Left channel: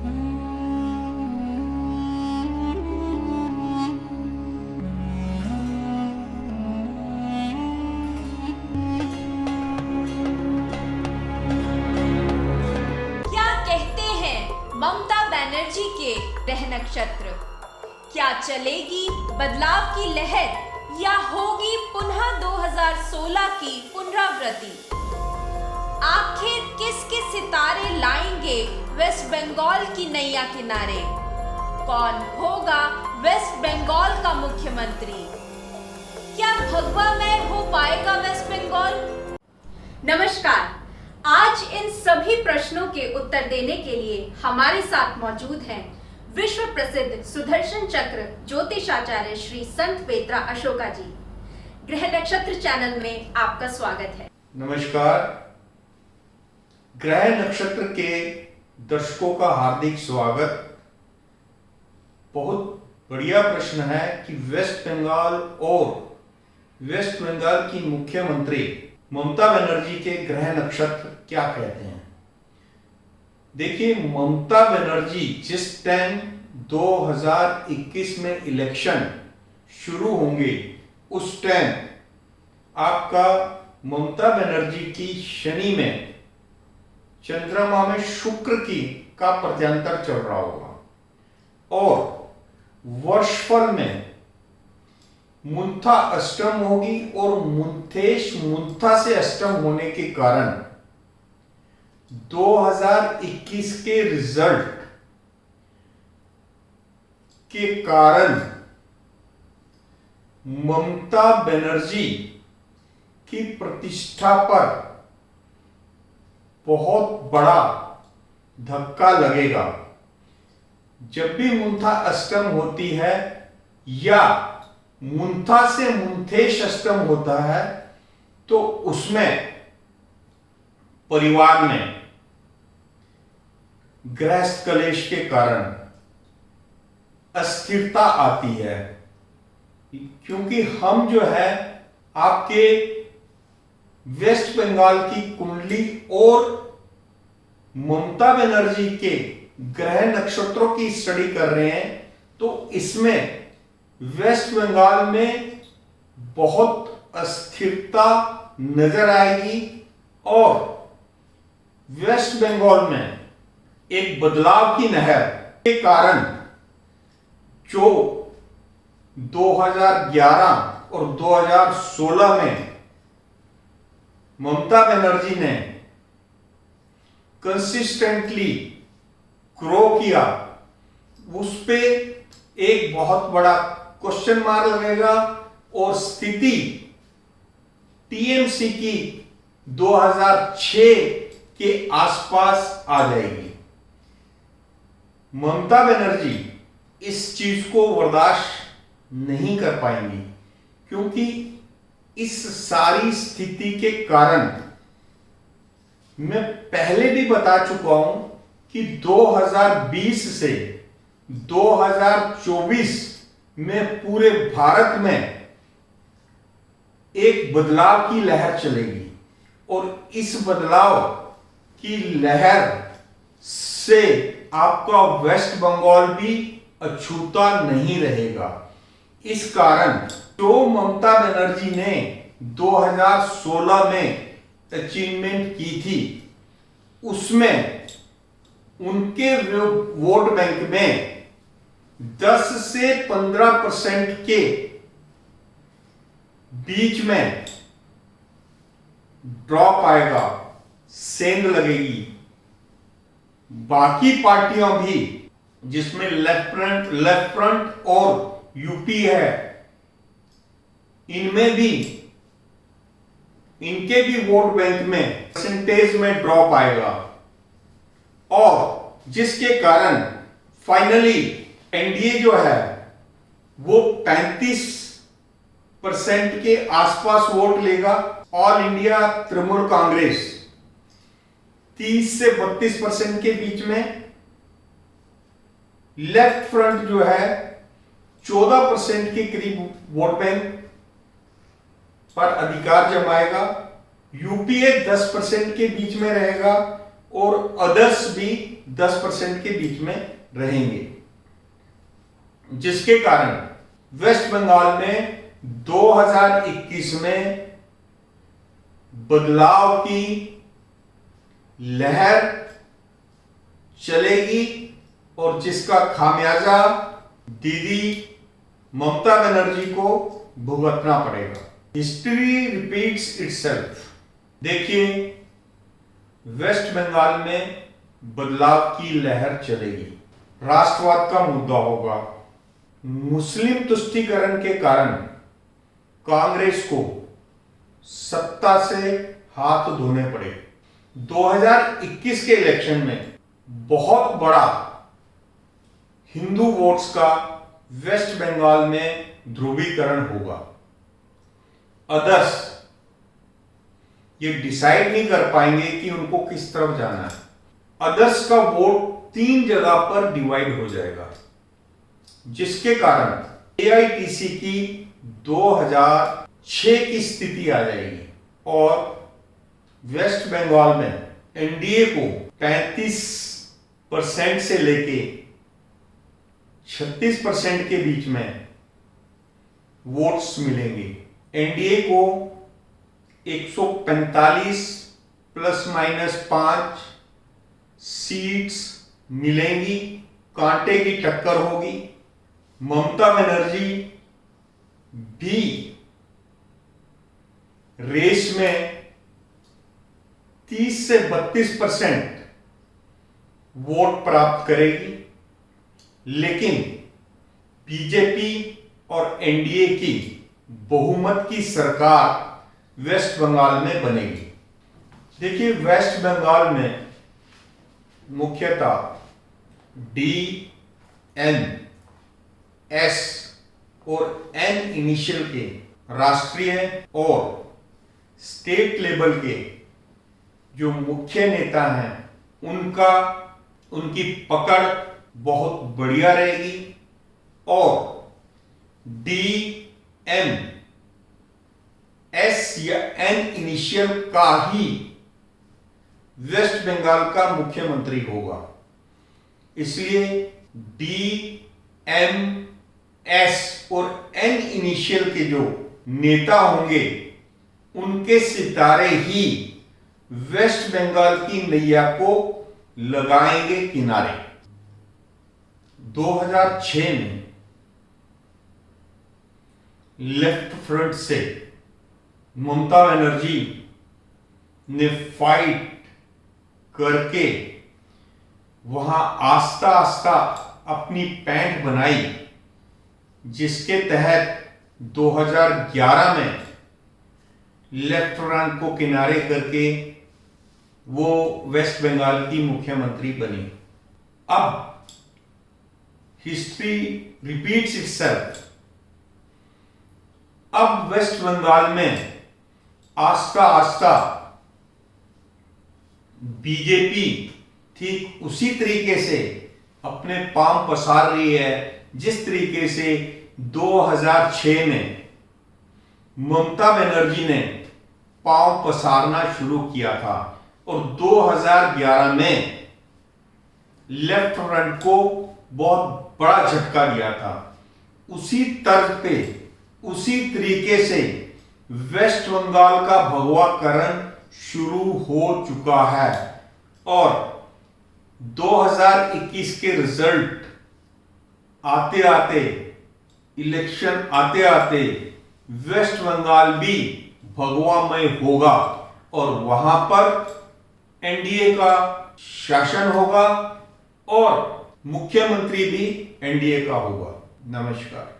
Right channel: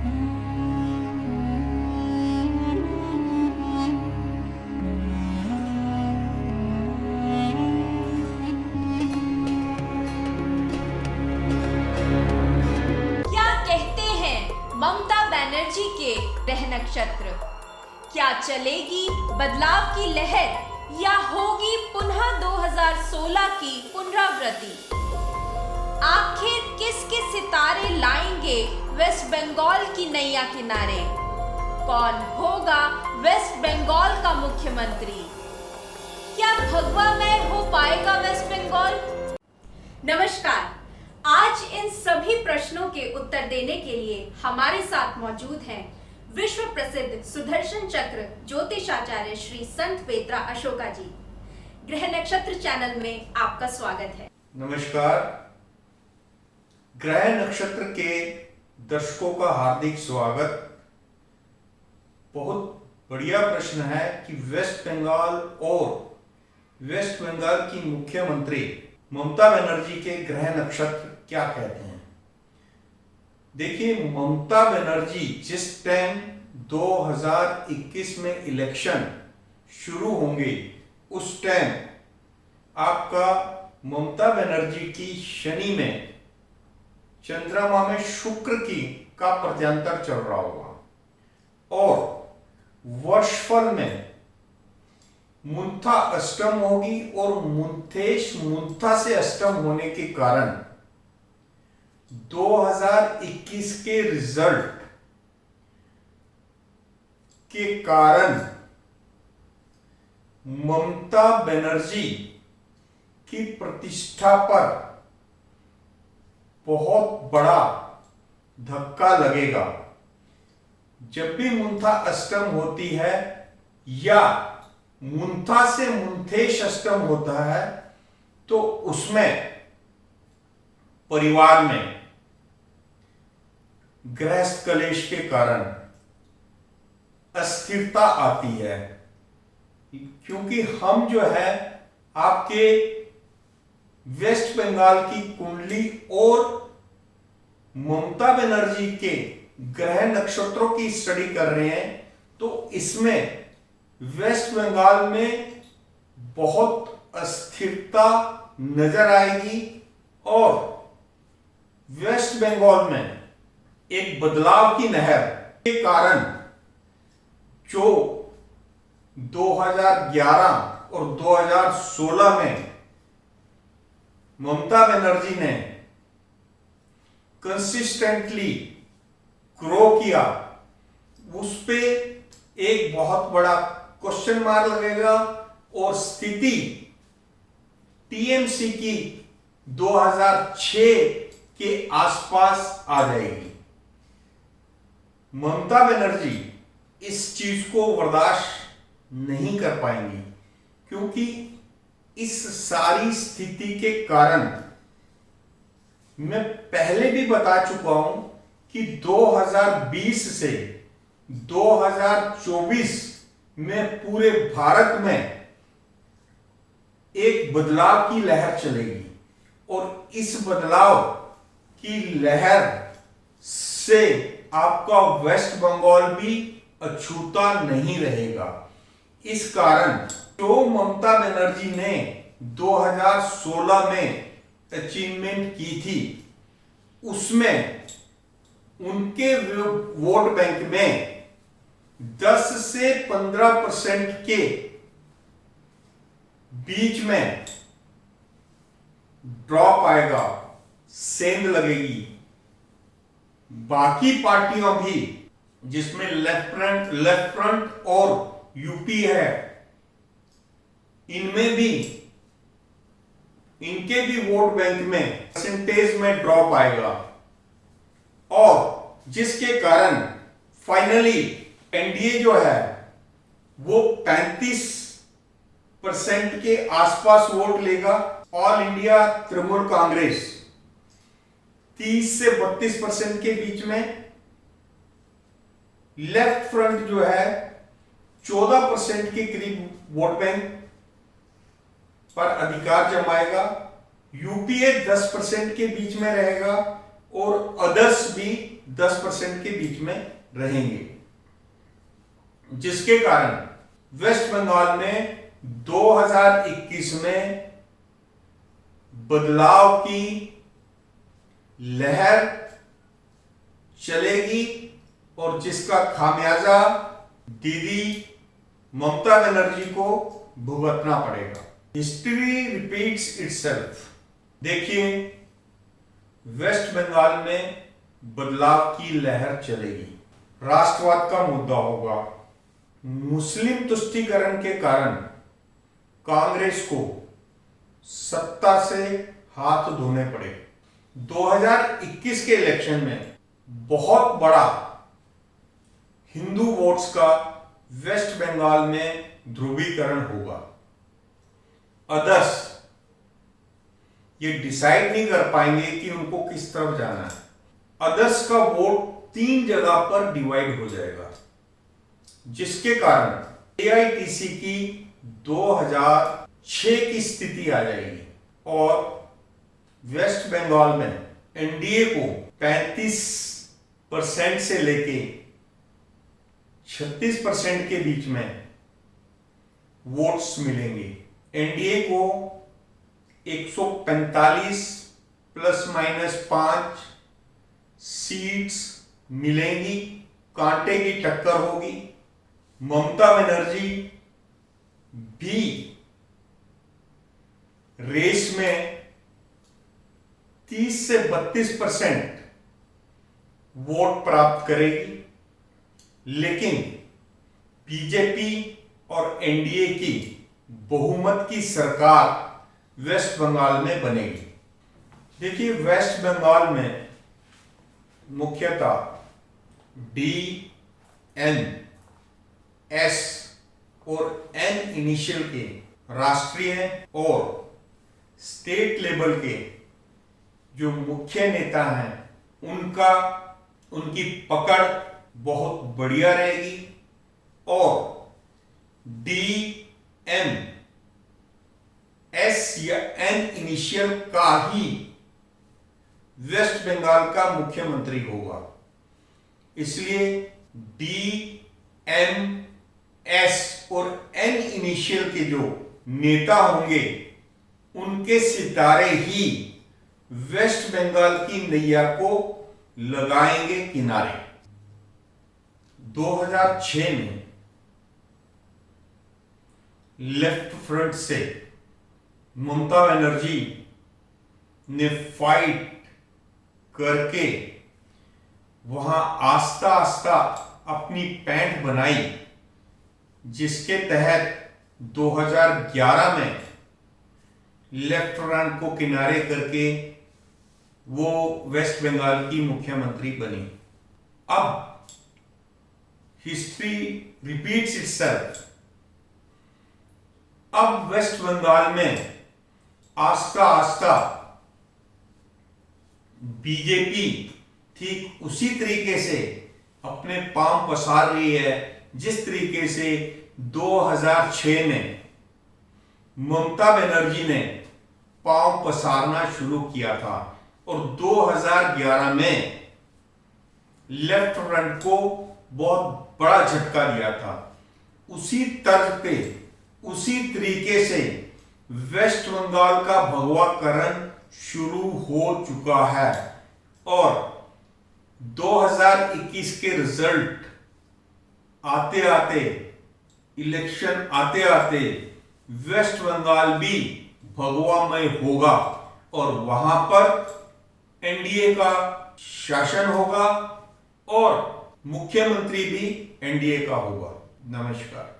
ममता बनर्जी के ग्रह नक्षत्र, क्या चलेगी बदलाव की लहर या होगी पुनः 2016 की पुनरावृत्ति? आखिर किसके सितारे लाएंगे वेस्ट बंगाल की नैया किनारे? कौन होगा वेस्ट बंगाल का मुख्यमंत्री? क्या भगवामय हो पाएगा वेस्ट बंगाल? नमस्कार, आज इन सभी प्रश्नों के उत्तर देने के लिए हमारे साथ मौजूद हैं विश्व प्रसिद्ध सुदर्शन चक्र ज्योतिषाचार्य श्री संत पेत्रा अशोका जी। ग्रह नक्षत्र चैनल में आपका स्वागत है। नमस्कार, ग्रह नक्षत्र के दर्शकों का हार्दिक स्वागत। बहुत बढ़िया प्रश्न है कि वेस्ट बंगाल और वेस्ट बंगाल की मुख्यमंत्री ममता बनर्जी के ग्रह नक्षत्र क्या कहते हैं। देखिए, ममता बनर्जी जिस टाइम 2021 में इलेक्शन शुरू होंगे उस टाइम आपका ममता बनर्जी की शनि में, चंद्रमा में शुक्र की का प्रत्यांतर चल रहा होगा और वर्षफल में मुंथा अष्टम होगी और मुंथेश मुंथा से अष्टम होने के कारण 2021 के रिजल्ट के कारण ममता बनर्जी की प्रतिष्ठा पर बहुत बड़ा धक्का लगेगा। जब भी मुंथा अष्टम होती है या मुंथा से मुंथेश अष्टम होता है तो उसमें परिवार में गृहस्थ कलेश के कारण अस्थिरता आती है, क्योंकि हम जो है आपके वेस्ट बंगाल की कुंडली और ममता बनर्जी के ग्रह नक्षत्रों की स्टडी कर रहे हैं, तो इसमें वेस्ट बंगाल में बहुत अस्थिरता नजर आएगी और वेस्ट बंगाल में एक बदलाव की नहर के कारण जो 2011 और 2016 में ममता बनर्जी ने कंसिस्टेंटली ग्रो किया, उस पे एक बहुत बड़ा क्वेश्चन मार्क लगेगा और स्थिति टीएमसी की 2006 के आसपास आ जाएगी। ममता बनर्जी इस चीज को बर्दाश्त नहीं कर पाएंगी, क्योंकि इस सारी स्थिति के कारण मैं पहले भी बता चुका हूं कि 2020 से 2024 में पूरे भारत में एक बदलाव की लहर चलेगी और इस बदलाव की लहर से आपका वेस्ट बंगाल भी अछूता नहीं रहेगा। इस कारण जो ममता बनर्जी ने 2016 में अचीवमेंट की थी, उसमें उनके वोट बैंक में 10 से 15% के बीच में ड्रॉप आएगा, सेंध लगेगी। बाकी पार्टियां भी जिसमें लेफ्ट फ्रंट और यूपी है, इनमें भी इनके भी वोट बैंक में परसेंटेज में ड्रॉप आएगा और जिसके कारण फाइनली एनडीए जो है वो 35% के आसपास वोट लेगा। ऑल इंडिया तृणमूल कांग्रेस 30 से 32% के बीच में, लेफ्ट फ्रंट जो है 14% के करीब वोट बैंक पर अधिकार जमाएगा। यूपीए 10% के बीच में रहेगा और अदर्स भी 10% के बीच में रहेंगे, जिसके कारण वेस्ट बंगाल में 2021 में बदलाव की लहर चलेगी और जिसका खामियाजा दीदी ममता बनर्जी को भुगतना पड़ेगा। History repeats itself. देखिए, वेस्ट बंगाल में बदलाव की लहर चलेगी, राष्ट्रवाद का मुद्दा होगा, मुस्लिम तुष्टीकरण के कारण कांग्रेस को सत्ता से हाथ धोने पड़े। 2021 के इलेक्शन में बहुत बड़ा हिंदू वोट्स का वेस्ट बंगाल में ध्रुवीकरण होगा। अदर्स ये डिसाइड नहीं कर पाएंगे कि उनको किस तरफ जाना है। अदर्स का वोट 3 जगह पर डिवाइड हो जाएगा, जिसके कारण एआईटीसी की 2006 की स्थिति आ जाएगी और वेस्ट बंगाल में एनडीए को 35% से लेके 36% के बीच में वोट्स मिलेंगे। एनडीए को 145 ±5 सीट्स मिलेंगी, कांटे की टक्कर होगी। ममता बनर्जी भी रेस में 30 से 32% वोट प्राप्त करेगी, लेकिन बीजेपी और एनडीए की बहुमत की सरकार वेस्ट बंगाल में बनेगी। देखिए, वेस्ट बंगाल में मुख्यतः डी, एन, एस और एन इनिशियल के राष्ट्रीय और स्टेट लेवल के जो मुख्य नेता हैं उनकी पकड़ बहुत बढ़िया रहेगी और डी, एम, एस या एन इनिशियल का ही वेस्ट बंगाल का मुख्यमंत्री होगा। इसलिए डी, एम, एस और एन इनिशियल के जो नेता होंगे उनके सितारे ही वेस्ट बंगाल की नैया को लगाएंगे किनारे। 2006 में लेफ्ट फ्रंट से ममता बनर्जी ने फाइट करके वहां आस्ता आस्ता अपनी पैंठ बनाई, जिसके तहत 2011 में लेफ्ट फ्रंट को किनारे करके वो वेस्ट बंगाल की मुख्यमंत्री बनी। अब हिस्ट्री रिपीट्स इटसेल्फ। अब वेस्ट बंगाल में आस्ता आस्ता बीजेपी ठीक उसी तरीके से अपने पांव पसार रही है जिस तरीके से 2006 में ममता बनर्जी ने पांव पसारना शुरू किया था और 2011 में लेफ्ट फ्रंट को बहुत बड़ा झटका दिया था। उसी तर्ज पे, उसी तरीके से वेस्ट बंगाल का भगवाकरण शुरू हो चुका है और 2021 के रिजल्ट आते आते, इलेक्शन आते आते वेस्ट बंगाल भी भगवामय होगा और वहां पर एनडीए का शासन होगा और मुख्यमंत्री भी एनडीए का होगा। नमस्कार।